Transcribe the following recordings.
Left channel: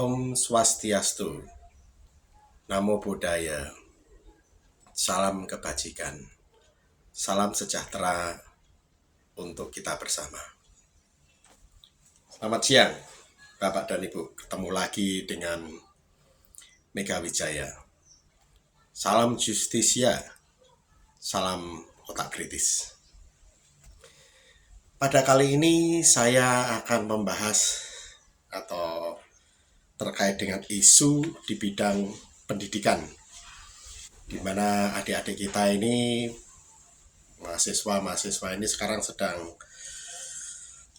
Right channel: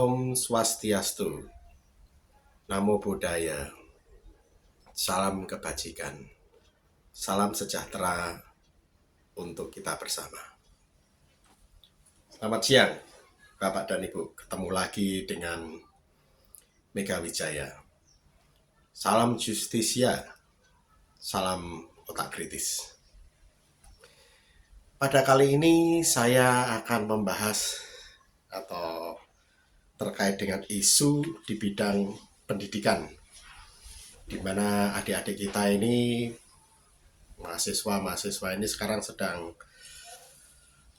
Om Swastiastu, Namo Buddhaya, salam kebajikan, salam sejahtera untuk kita bersama. Selamat siang, Bapak dan Ibu. Ketemu lagi dengan Mega Wijaya. Salam justisia, salam otak kritis. Pada kali ini saya akan membahas atau terkait dengan isu di bidang pendidikan, di mana adik-adik kita ini, mahasiswa ini sekarang sedang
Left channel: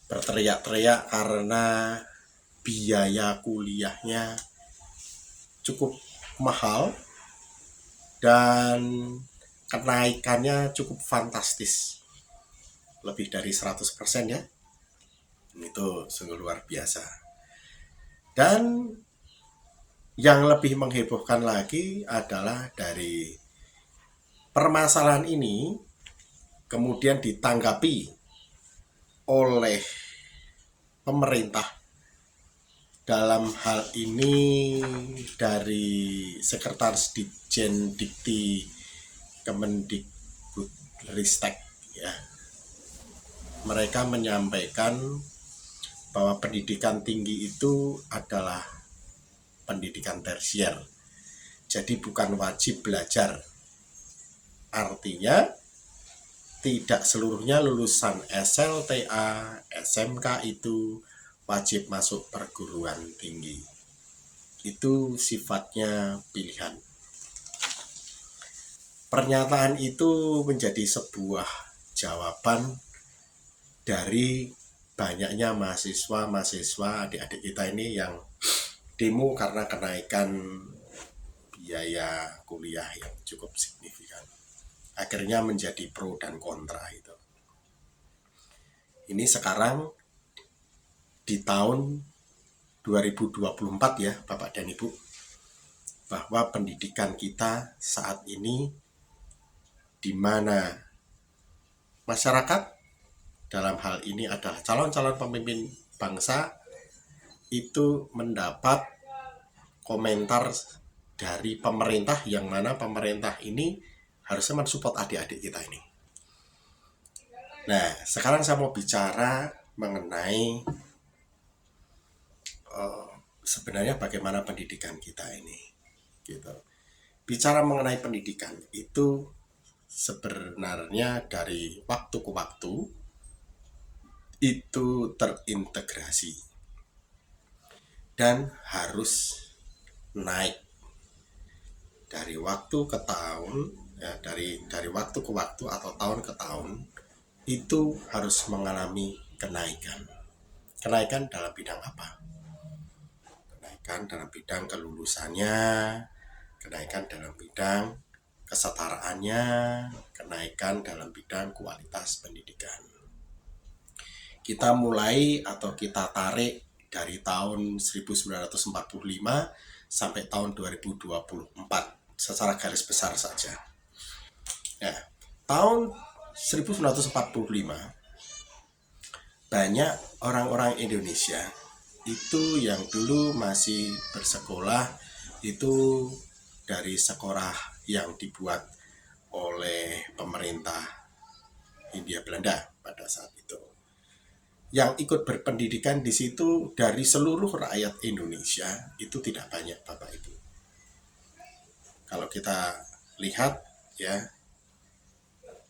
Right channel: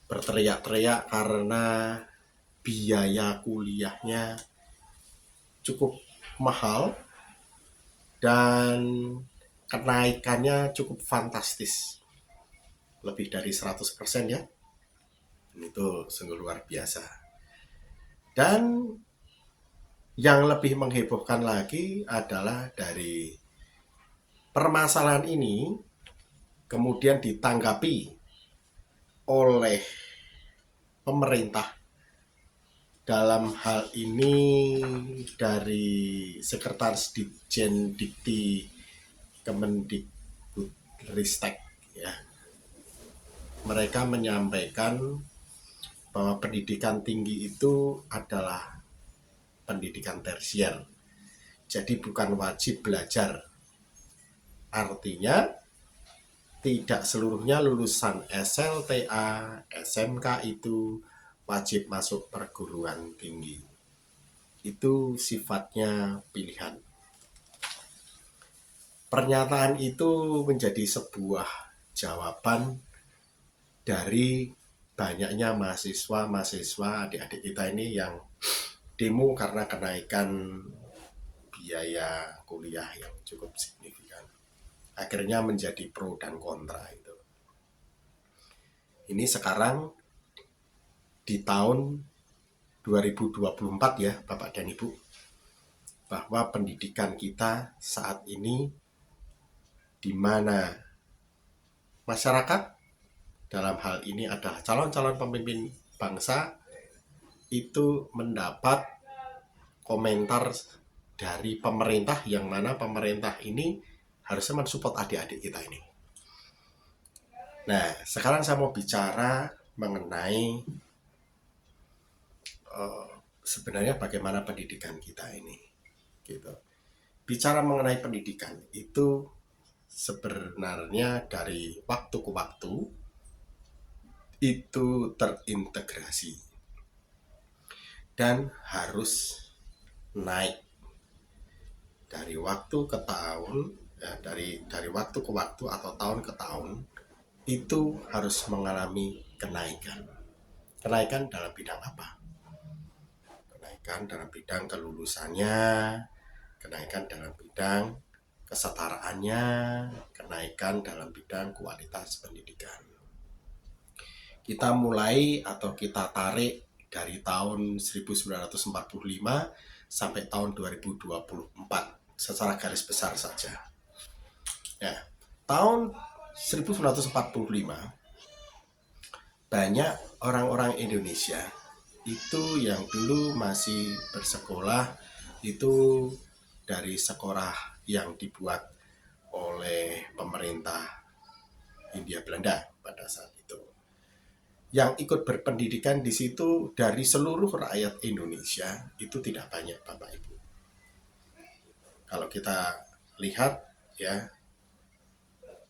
berteriak-teriak karena biaya kuliahnya cukup mahal dan kenaikannya cukup fantastis, lebih dari 100% ya. Itu sungguh luar biasa. Dan yang lebih menghebohkan lagi adalah dari permasalahan ini kemudian ditanggapi oleh pemerintah, dalam hal ini dari Sekretaris Ditjen Dikti Kemendikbudristek ya. Mereka menyampaikan bahwa pendidikan tinggi itu adalah pendidikan tersier, jadi bukan wajib belajar. Artinya tidak seluruhnya lulusan SLTA, SMK itu wajib masuk perguruan tinggi. Itu sifatnya pilihan. Pernyataan itu menjadi sebuah jawaban dari banyaknya mahasiswa adik-adik kita ini yang demo karena kenaikan biaya kuliah yang cukup signifikan. Akhirnya menjadi pro dan kontra itu. Ini sekarang di tahun 2024 ya Bapak dan Ibu, bahwa pendidikan kita saat ini di mana masyarakat, dalam hal ini adalah calon-calon pemimpin bangsa, itu mendapat komentar dari pemerintah, yang mana pemerintah ini harusnya mensupport adik-adik kita ini. Nah, sekarang saya mau bicara mengenai sebenarnya bagaimana pendidikan kita ini. Gitu. Bicara mengenai pendidikan itu sebenarnya dari waktu ke waktu itu terintegrasi dan harus naik dari waktu ke tahun ya, dari waktu ke waktu atau tahun ke tahun itu harus mengalami kenaikan dalam bidang apa? Kenaikan dalam bidang kelulusannya, kenaikan dalam bidang kesetaraannya, kenaikan dalam bidang kualitas pendidikan. Kita mulai atau kita tarik dari tahun 1945 sampai tahun 2024 secara garis besar saja. Ya, tahun 1945 banyak orang-orang Indonesia itu yang dulu masih bersekolah itu dari sekolah yang dibuat oleh pemerintah Hindia Belanda pada saat itu. Yang ikut berpendidikan di situ dari seluruh rakyat Indonesia itu tidak banyak Bapak Ibu. Kalau kita lihat ya,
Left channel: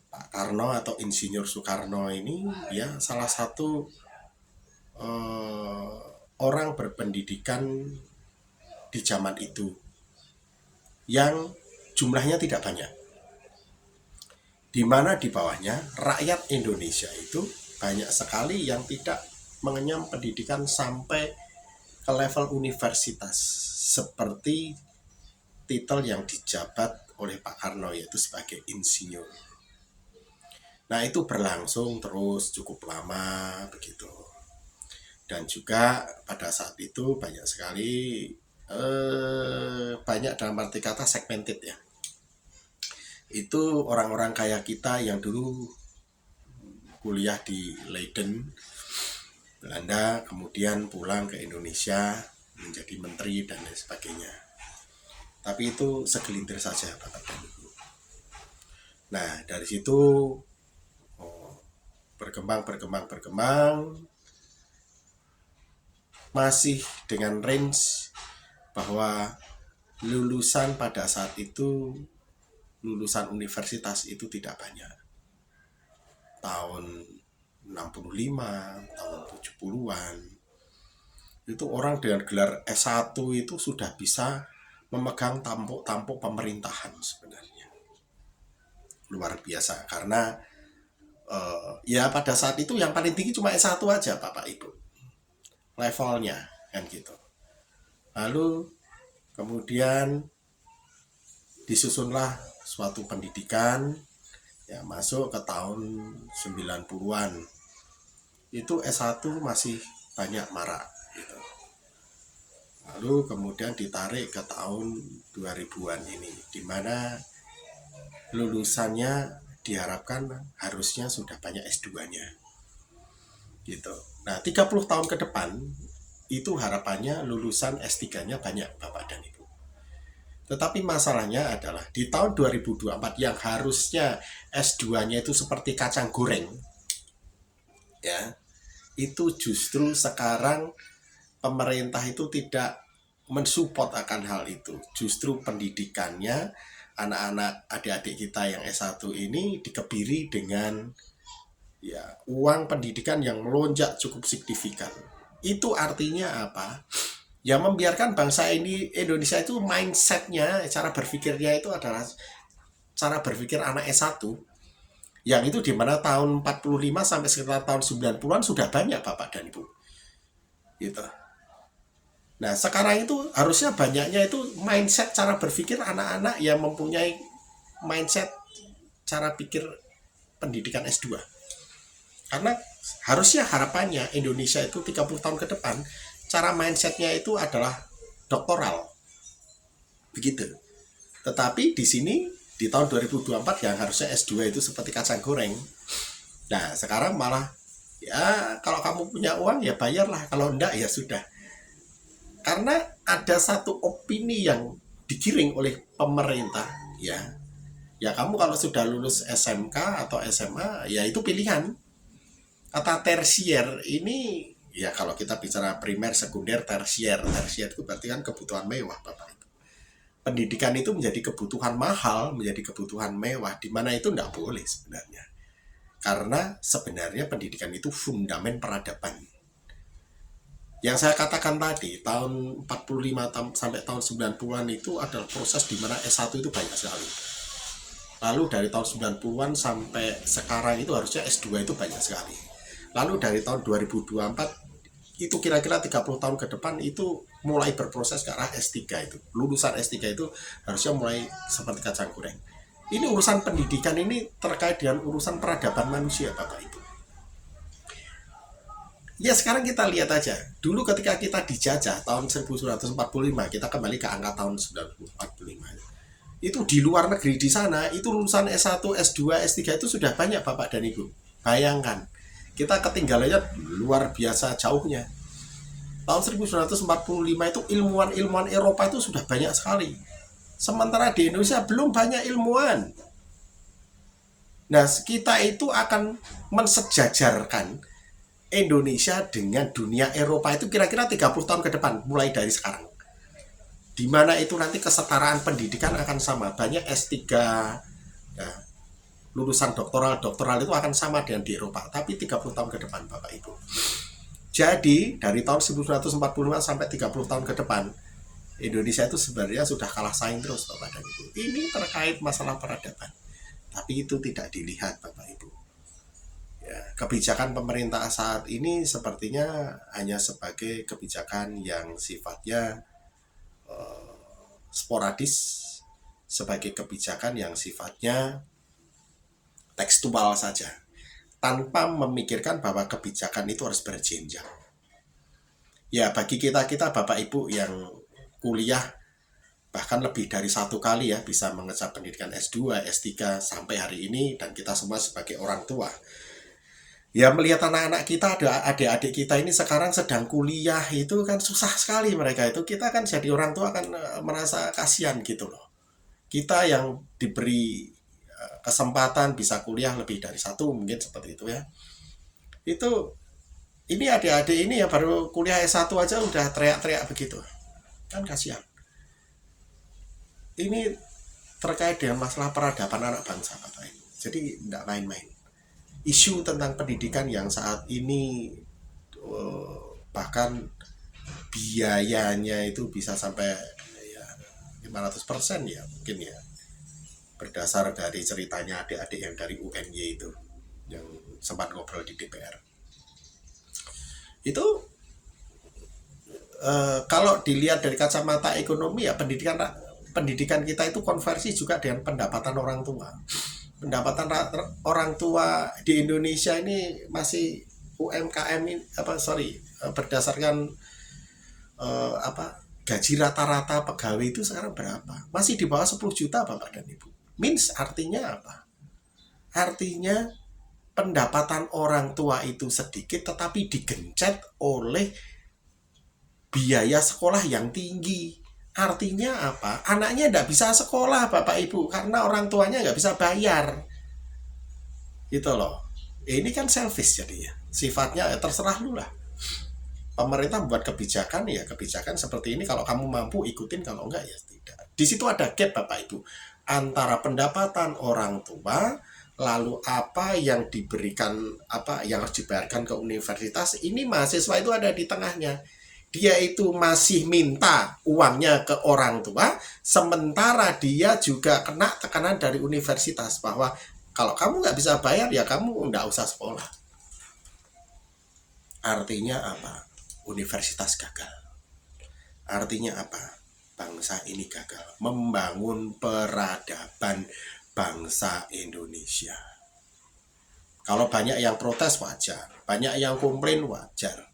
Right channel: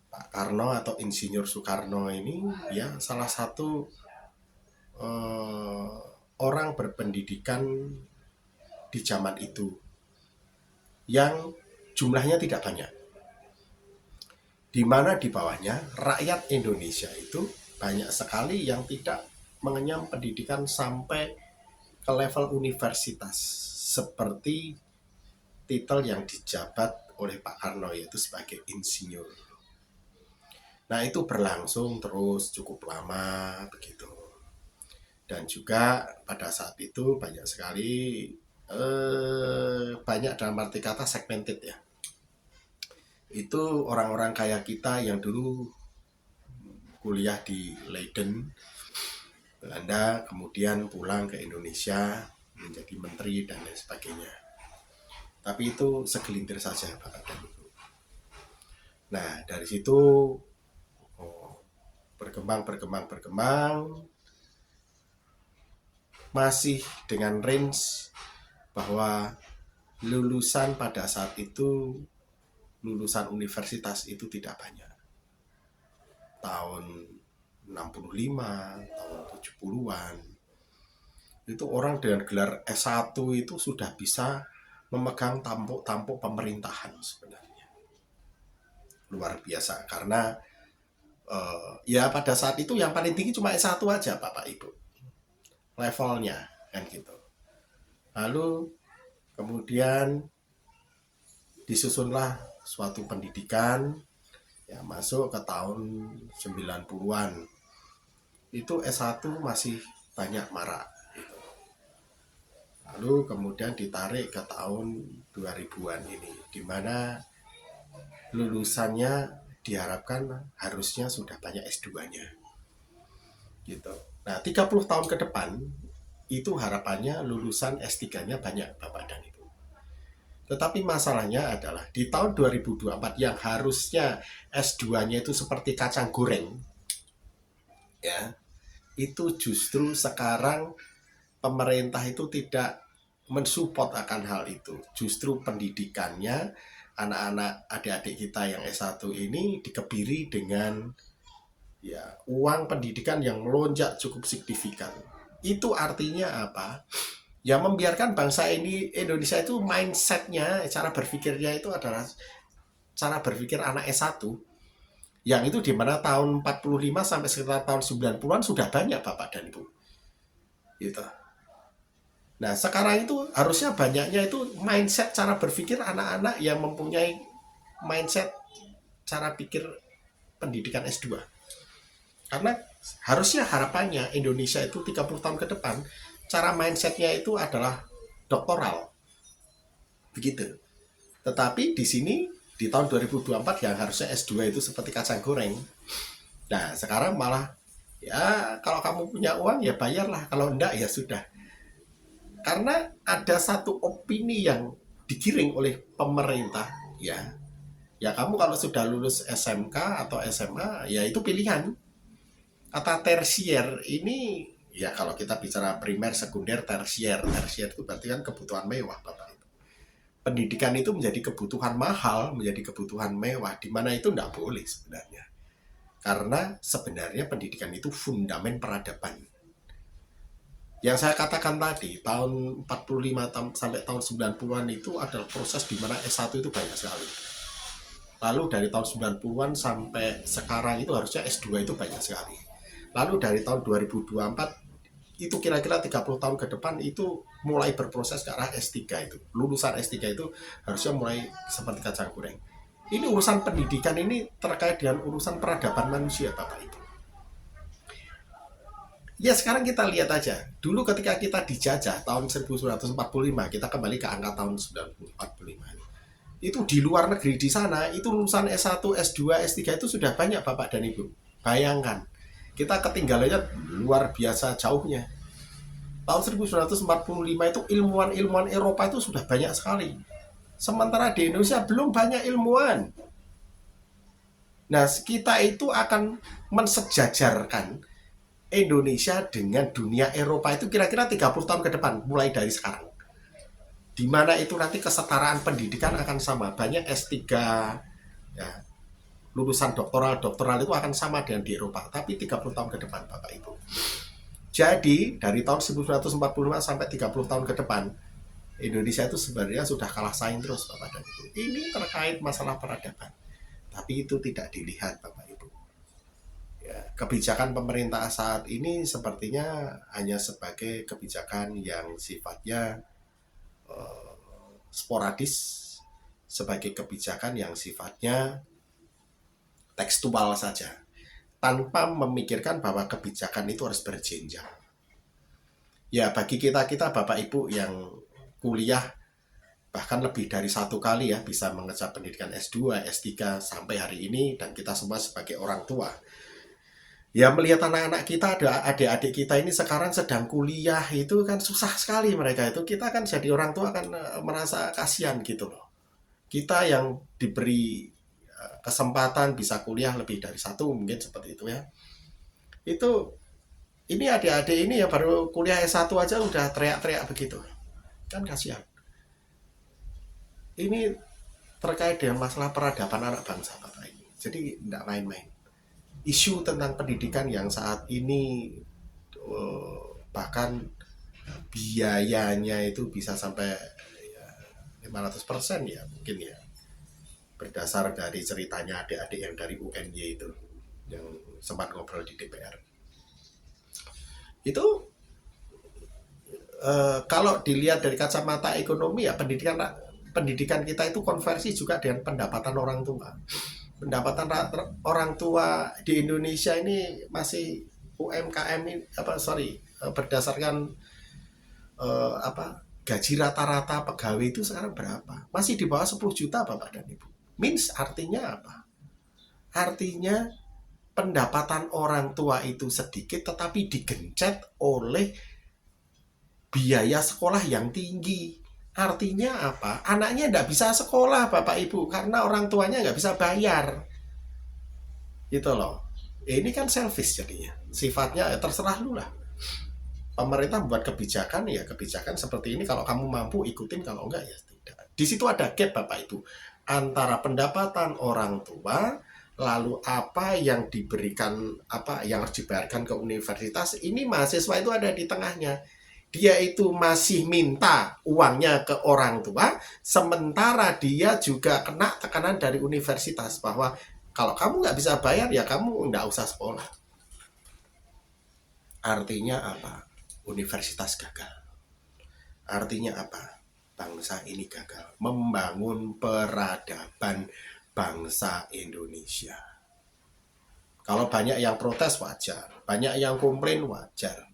Pak Karno atau Insinyur Soekarno ini ya salah satu orang berpendidikan di zaman itu yang jumlahnya tidak banyak, di mana di bawahnya rakyat Indonesia itu banyak sekali yang tidak mengenyam pendidikan sampai ke level universitas, seperti titel yang dijabat oleh Pak Karno yaitu sebagai insinyur. Nah, itu berlangsung terus cukup lama begitu. Dan juga pada saat itu banyak sekali banyak dalam arti kata segmented ya. Itu orang-orang kaya kita yang dulu kuliah di Leiden, Belanda, kemudian pulang ke Indonesia menjadi menteri dan lain sebagainya. Tapi itu segelintir saja Bapak dan Ibu. Nah dari situ berkembang, masih dengan range bahwa lulusan pada saat itu, lulusan universitas itu tidak banyak. Tahun 65, tahun 70-an, itu orang dengan gelar S1 itu sudah bisa memegang tampuk-tampuk pemerintahan sebenarnya. Luar biasa, karena ya pada saat itu yang paling tinggi cuma S1 aja Bapak Ibu. Levelnya kan gitu. Lalu kemudian disusunlah suatu pendidikan ya masuk ke tahun 90-an. Itu S1 masih banyak marak gitu. Lalu kemudian ditarik ke tahun 2000-an ini, di mana lulusannya diharapkan harusnya sudah banyak S2-nya. Gitu. Nah, 30 tahun ke depan itu harapannya lulusan S3-nya banyak Bapak dan Ibu. Tetapi masalahnya adalah di tahun 2024 yang harusnya S2-nya itu seperti kacang goreng, ya, itu justru sekarang pemerintah itu tidak mensupport akan hal itu. Justru pendidikannya anak-anak adik-adik kita yang S1 ini dikebiri dengan ya uang pendidikan yang melonjak cukup signifikan. Itu artinya apa? Ya membiarkan bangsa ini, Indonesia itu mindsetnya, cara berpikirnya itu adalah cara berpikir anak S1 yang itu dimana tahun 45 sampai sekitar tahun 90-an sudah banyak Bapak dan Ibu gitu. Nah sekarang itu harusnya banyaknya itu mindset cara berpikir anak-anak yang mempunyai mindset cara pikir pendidikan S2. Karena harusnya harapannya Indonesia itu 30 tahun ke depan cara mindsetnya itu adalah doktoral. Begitu. Tetapi di sini di tahun 2024 yang harusnya S2 itu seperti kacang goreng. Nah, sekarang malah ya kalau kamu punya uang ya bayarlah, kalau enggak ya sudah. Karena ada satu opini yang digiring oleh pemerintah, ya. Ya kamu kalau sudah lulus SMK atau SMA, ya itu pilihan. Kata tersier ini ya kalau kita bicara primer, sekunder, tersier itu berarti kan kebutuhan mewah Bapak Ibu. Pendidikan itu menjadi kebutuhan mahal, menjadi kebutuhan mewah, di mana itu tidak boleh sebenarnya. Karena sebenarnya pendidikan itu fundamen peradaban. Yang saya katakan tadi, tahun 45 sampai tahun 90-an itu adalah proses di mana S1 itu banyak sekali. Lalu dari tahun 90-an sampai sekarang itu harusnya S2 itu banyak sekali. Lalu dari tahun 2024 itu kira-kira 30 tahun ke depan itu mulai berproses ke arah S3 itu. Lulusan S3 itu harusnya mulai seperti kacang goreng. Ini urusan pendidikan ini terkait dengan urusan peradaban manusia Bapak Ibu. Ya sekarang kita lihat aja. Dulu ketika kita dijajah tahun 1945, kita kembali ke angka tahun 1945. Itu di luar negeri di sana, itu lulusan S1, S2, S3 itu sudah banyak Bapak dan Ibu. Bayangkan, kita ketinggalannya luar biasa jauhnya. Tahun 1945 itu ilmuwan-ilmuwan Eropa itu sudah banyak sekali. Sementara di Indonesia belum banyak ilmuwan. Nah, kita itu akan mensejajarkan Indonesia dengan dunia Eropa itu kira-kira 30 tahun ke depan, mulai dari sekarang. Di mana itu nanti kesetaraan pendidikan akan sama. Banyak S3, ya, lulusan doktoral itu akan sama dengan di Eropa, tapi 30 tahun ke depan Bapak Ibu. Jadi dari tahun 1945 sampai 30 tahun ke depan Indonesia itu sebenarnya sudah kalah saing terus Bapak dan Ibu. Ini terkait masalah peradaban, tapi itu tidak dilihat Bapak Ibu. Ya, kebijakan pemerintah saat ini sepertinya hanya sebagai kebijakan yang sifatnya sporadis, sebagai kebijakan yang sifatnya tekstual saja, tanpa memikirkan bahwa kebijakan itu harus berjenjang. Ya bagi kita Bapak Ibu yang kuliah bahkan lebih dari satu kali ya bisa mengejar pendidikan S2, S3 sampai hari ini, dan kita semua sebagai orang tua, Ya melihat anak-anak kita, ada adik-adik kita ini sekarang sedang kuliah, itu kan susah sekali mereka itu. Kita kan jadi orang tua kan merasa kasihan gitu loh. Kita yang diberi kesempatan bisa kuliah lebih dari satu mungkin seperti itu ya. Itu ini adik-adik ini ya baru kuliah S1 aja udah teriak-teriak begitu. Kan kasihan. Ini terkait dengan masalah peradaban anak bangsa Bapak ini. Jadi nggak main-main. Isu tentang pendidikan yang saat ini bahkan biayanya itu bisa sampai ya, 500% ya mungkin ya, berdasar dari ceritanya adik-adik yang dari UNY itu yang sempat ngobrol di DPR itu. Kalau dilihat dari kacamata ekonomi ya pendidikan kita itu konversi juga dengan pendapatan orang tua. Pendapatan orang tua di Indonesia ini masih UMKM ini berdasarkan gaji rata-rata pegawai itu sekarang berapa? Masih di bawah 10 juta Bapak dan Ibu. Means artinya apa? Artinya pendapatan orang tua itu sedikit tetapi digencet oleh biaya sekolah yang tinggi. Artinya apa? Anaknya tidak bisa sekolah Bapak Ibu karena orang tuanya nggak bisa bayar. Gitu loh. Ini kan selfish jadinya. Sifatnya ya terserah lu lah. Pemerintah membuat kebijakan ya kebijakan seperti ini, kalau kamu mampu ikutin, kalau enggak ya tidak. Di situ ada gap Bapak Ibu antara pendapatan orang tua lalu apa yang diberikan, apa yang harus dibayarkan ke universitas. Ini mahasiswa itu ada di tengahnya. Dia itu masih minta uangnya ke orang tua, sementara dia juga kena tekanan dari universitas bahwa kalau kamu nggak bisa bayar ya kamu nggak usah sekolah. Artinya apa? Universitas gagal. Artinya apa? Bangsa ini gagal membangun peradaban bangsa Indonesia. Kalau banyak yang protes wajar, banyak yang komplain wajar.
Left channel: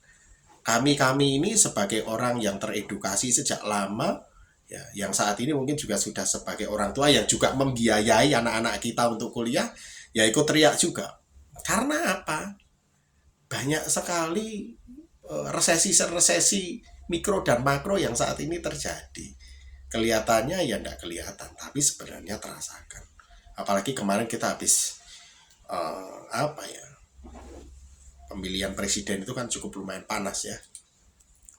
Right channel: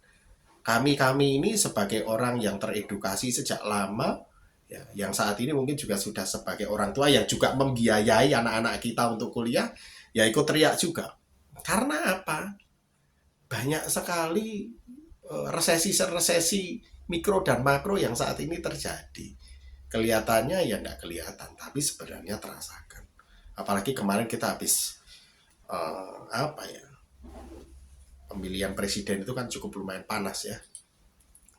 Kami ini sebagai orang yang teredukasi sejak lama ya, yang saat ini mungkin juga sudah sebagai orang tua yang juga membiayai anak-anak kita untuk kuliah, ya ikut teriak juga. Karena apa? Banyak sekali resesi mikro dan makro yang saat ini terjadi. Kelihatannya ya tidak kelihatan, tapi sebenarnya terasakan. Apalagi kemarin kita habis pemilihan presiden itu kan cukup lumayan panas ya,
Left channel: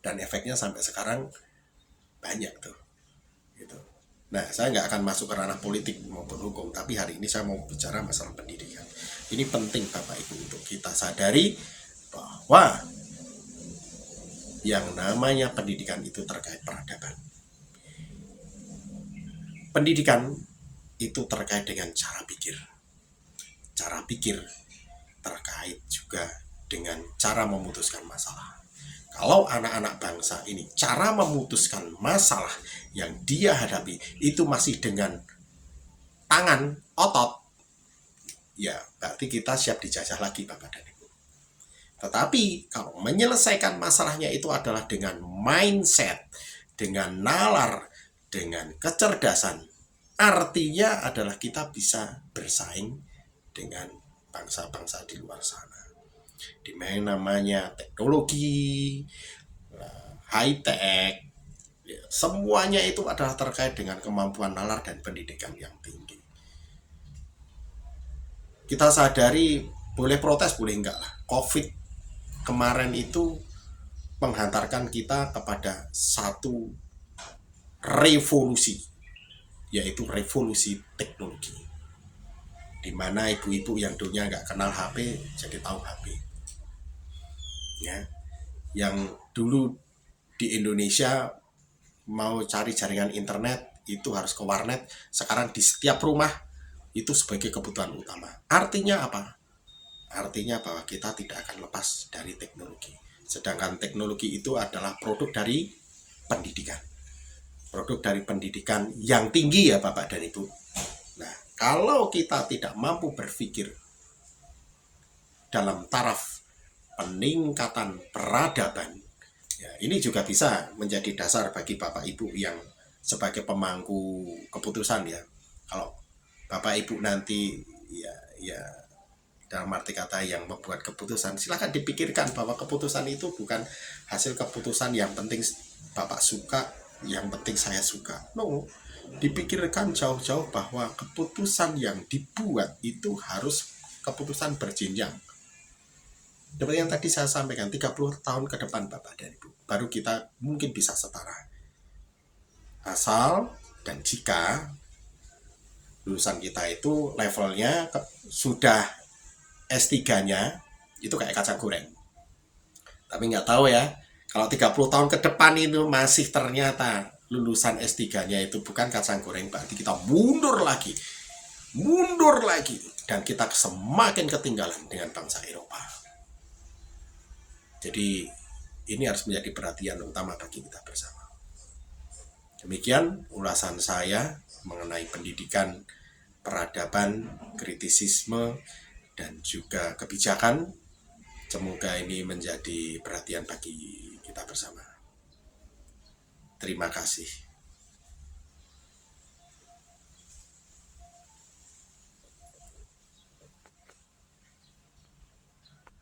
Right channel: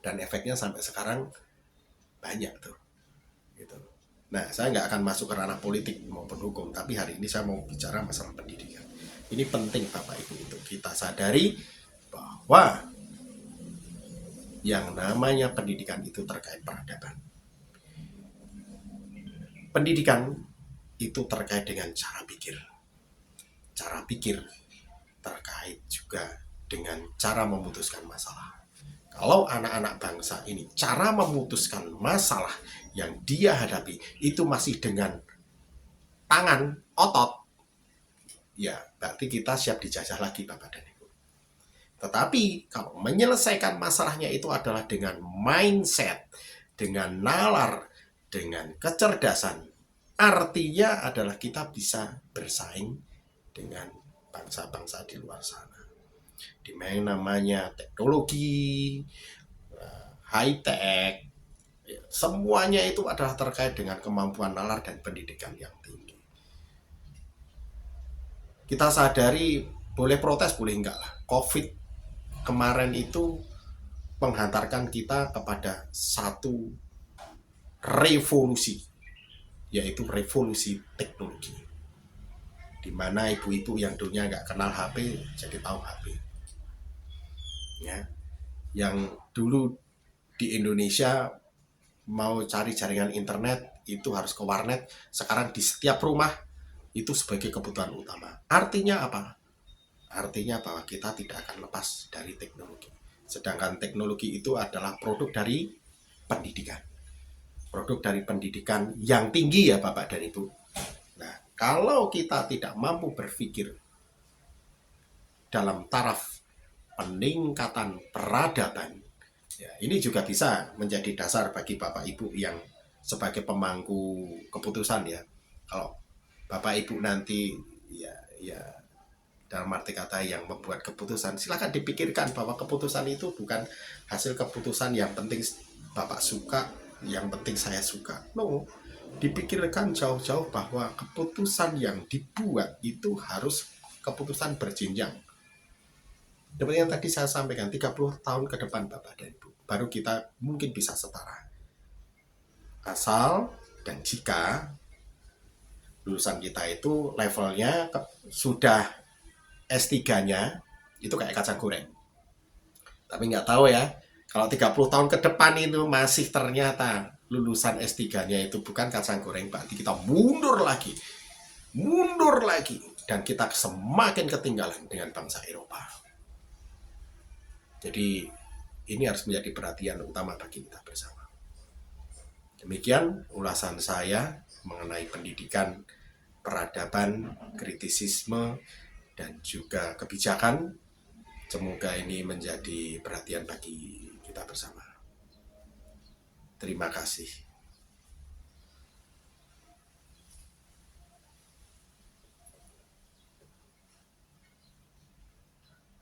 dan efeknya sampai sekarang banyak tuh gitu. Nah, saya nggak akan masuk ke ranah politik maupun hukum, tapi hari ini saya mau bicara masalah pendidikan. Ini penting Bapak Ibu untuk kita sadari bahwa yang namanya pendidikan itu terkait peradaban. Pendidikan itu terkait dengan cara pikir. Cara pikir terkait juga dengan cara memutuskan masalah. Kalau anak-anak bangsa ini cara memutuskan masalah yang dia hadapi itu masih dengan tangan, otot, ya berarti kita siap dijajah lagi Bapak dan Ibu. Tetapi kalau menyelesaikan masalahnya itu adalah dengan mindset, dengan nalar, dengan kecerdasan, artinya adalah kita bisa bersaing dengan bangsa-bangsa di luar sana. Di mana namanya teknologi, high tech, ya, semuanya itu adalah terkait dengan kemampuan nalar dan pendidikan yang tinggi. Kita sadari boleh protes boleh enggak lah. COVID kemarin itu menghantarkan kita kepada satu revolusi, yaitu revolusi teknologi, di mana ibu-ibu yang dulunya nggak kenal HP jadi tahu HP ya. Yang dulu di Indonesia mau cari jaringan internet itu harus ke warnet, sekarang di setiap rumah itu sebagai kebutuhan utama. Artinya apa? Artinya bahwa kita tidak akan lepas dari teknologi. Sedangkan teknologi itu adalah produk dari pendidikan. Produk dari pendidikan yang tinggi ya Bapak dan Ibu. Nah, kalau kita tidak mampu berpikir dalam taraf peningkatan peradaban, ya, ini juga bisa menjadi dasar bagi Bapak Ibu yang sebagai pemangku keputusan ya. Kalau Bapak Ibu nanti ya dalam arti kata yang membuat keputusan, silakan dipikirkan bahwa keputusan itu bukan hasil keputusan yang penting Bapak suka, yang penting saya suka. No, dipikirkan jauh-jauh bahwa keputusan yang dibuat itu harus keputusan berjenjang. Seperti yang tadi saya sampaikan, 30 tahun ke depan Bapak dan Ibu, baru kita mungkin bisa setara. Asal dan jika lulusan kita itu levelnya sudah S3-nya itu kayak kacang goreng. Tapi nggak tahu ya, kalau 30 tahun ke depan itu masih ternyata lulusan S3-nya itu bukan kacang goreng, berarti kita mundur lagi, dan kita semakin ketinggalan dengan bangsa Eropa. Jadi ini harus menjadi perhatian utama bagi kita bersama. Demikian ulasan saya mengenai pendidikan, peradaban, kritisisme, dan juga kebijakan. Semoga ini menjadi perhatian bagi kita bersama. Terima kasih.